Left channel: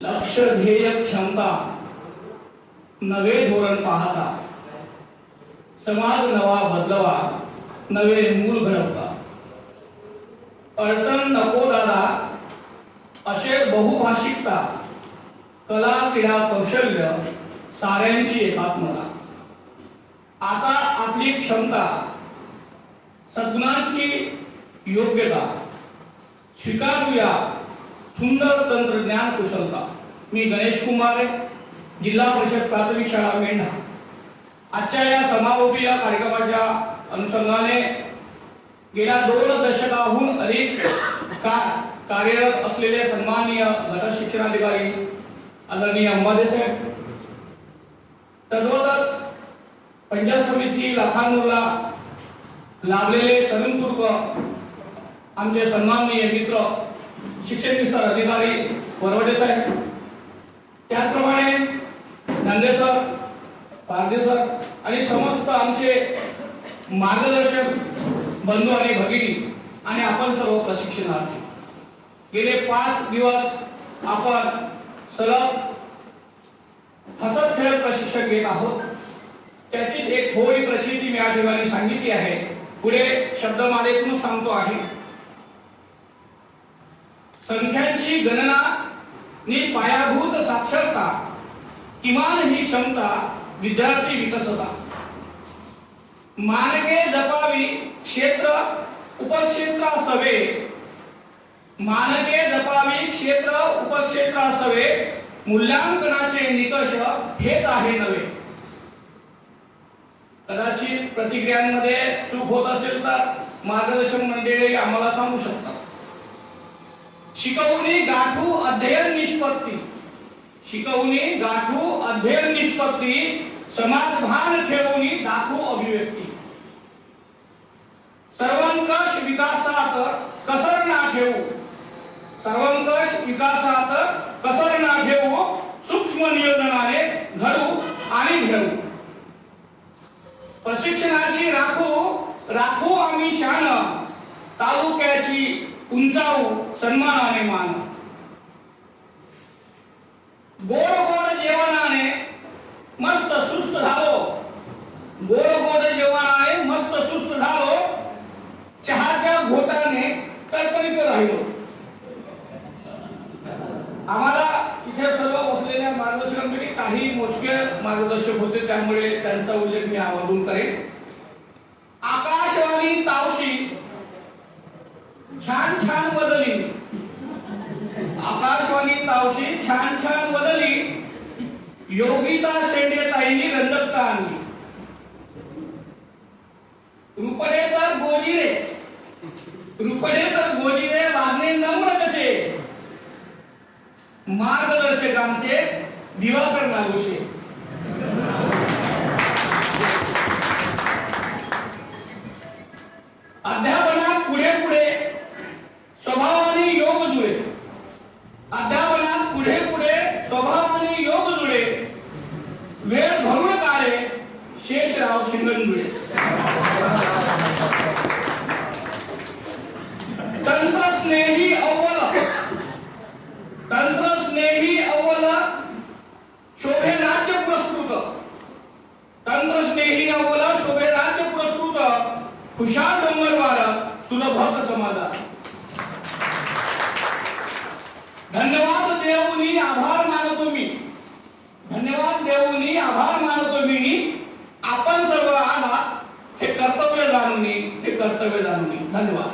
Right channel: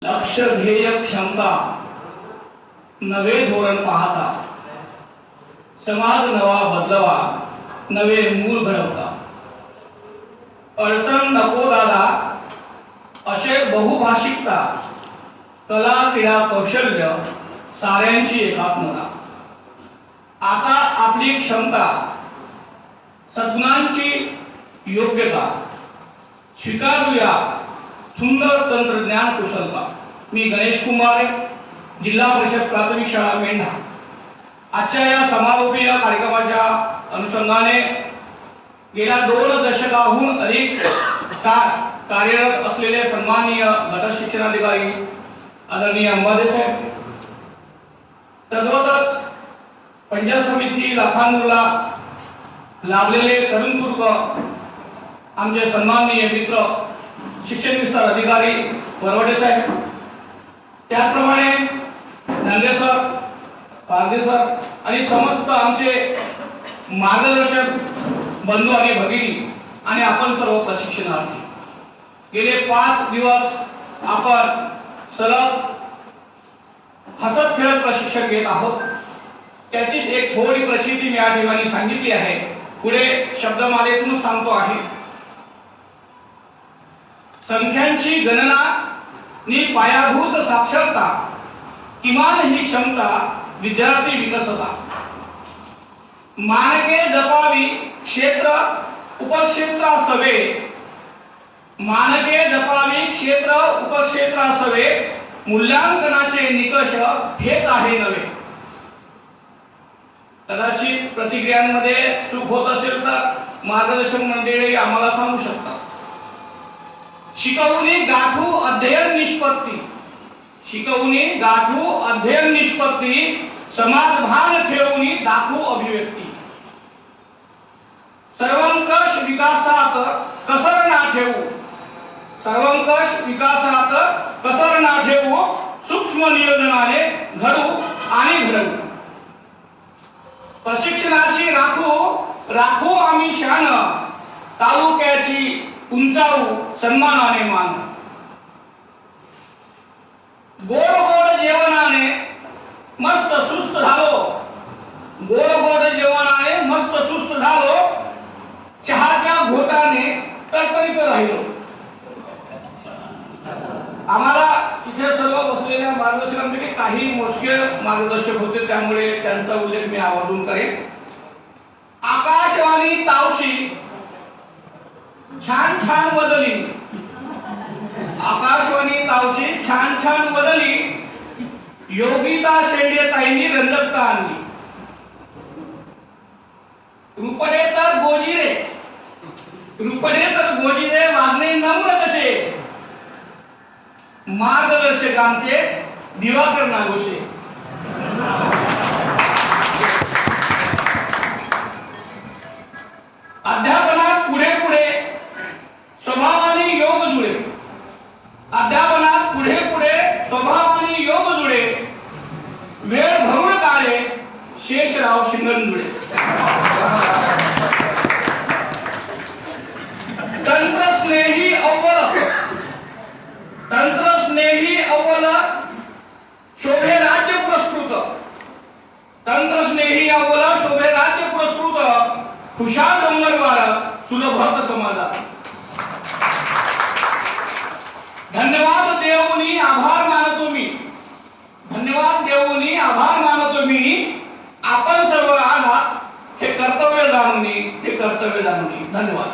लक्ष ध्येय क्षमता नवे धोरण पाहता समाज नवा बदलवा नवे मूल घडवता अडचण नको दादा असे बहुभाषिकता कला क्रीडा कौशल्य साऱ्यांची एकात्मता आता आपली क्षमता सद्गुणांची योग्यता स्वीकारूया सुंदर तंत्रज्ञान कुशलता। मी गणेश कुमार जिल्हा परिषद प्राथमिक शाळा मेंढा आजच्या या समारोपीय कार्यक्रमाच्या अनुषंगाने गेल्या 2 दशकाहून अधिक काळ कार्यरत असलेले सन्माननीय गट शिक्षणाधिकारी आदरणीय अंबादे साहेब, तद्वतच पंचायत समिती लाखांदूरला लागलेले तरुणपूर्व आमचे सन्माननीय मित्र शिक्षण विस्तार अधिकारी वरवडे साहेब, त्याचप्रमाणे नांदे सर, पारदे सर आणि समस्त आमचे मार्गदर्शक बंधू आणि भगिनी आणि आपण सर्व प्रशिक्षणार्थी गेले 5 दिवस आपण सलग हसत खेळत प्रशिक्षण घेत आहोत। त्याची एक थोडी प्रचिती मी या ठिकाणी सांगितली आहे, पुढे शब्दमालेतून सांगतो आहे। संख्यांची गणना नि पायाभूत साक्षरता किमान ही क्षमता विद्यार्थी विकसता मानके जपावी क्षेत्र उपक्षेत्रासवे मानके जपावी क्षेत्र उपक्षेत्रासवे मूल्यांकनाचे निकष हेच आहे नव्हे। कदाचित प्रतिक्रियांमध्ये चूक होत असेल तर मार्गदर्शक मंडळी आम्हाला सांगू शकतात। शिकवणी गाठू अध्ययन निष्पत्ती शिकवणी गाठू अध्ययन निष्पत्ती समाज भान ठेवूनी दाखवू अभिव्यक्ती सर्वंकष विकासात कसर ना ठेवू सर्वंकष विकासात कसर ना ठेवू सूक्ष्म नियोजनाने घडू आणि घडवू प्रशिक्षणाची राखू आम्ही शान तालुक्याची उंचावू सन्मानाने मान गोड गोड जेवणाने मस्त सुस्त झालो गोड गोड जेवणाने मस्त सुस्त झालो चहाच्या घोटाने तरतरीत राहिलो। आम्हाला इथे सर्व बसलेल्या मार्गदर्शकांपैकी काही मोजके मार्गदर्शक होते, त्यामुळे त्यांचा उल्लेख मी आवर्जून करेन। आकाशवाणी तावशी छान छान बदली आकाशवाणी तावशी छान छान बदली योगिता शेंडे ताईंनी रंजकता आणली रुपडे तर गोजिरे वागणे नम्र कसे मार्गदर्शकांचे दिवाकर नागोशे अध्यापनात पुढे पुढे स्वभावाने योग जुळे अध्यापनात पुढे पुढे स्वभावाने योग जुळे वेळ भरून काढे शेषराव शिंगणजुळे तंत्रस्नेही अव्वल शोभे राज्य पुरस्कृत तंत्रस्नेही अव्वल शोभे राज्य पुरस्कृत खुशाल डोंगरवार सुलभ समाजात धन्यवाद देऊनी आभार मानतो मी धन्यवाद देऊनी आभार मानतो मी आपण सर्व आहात हे कर्तव्य जाणून धन्यवाद।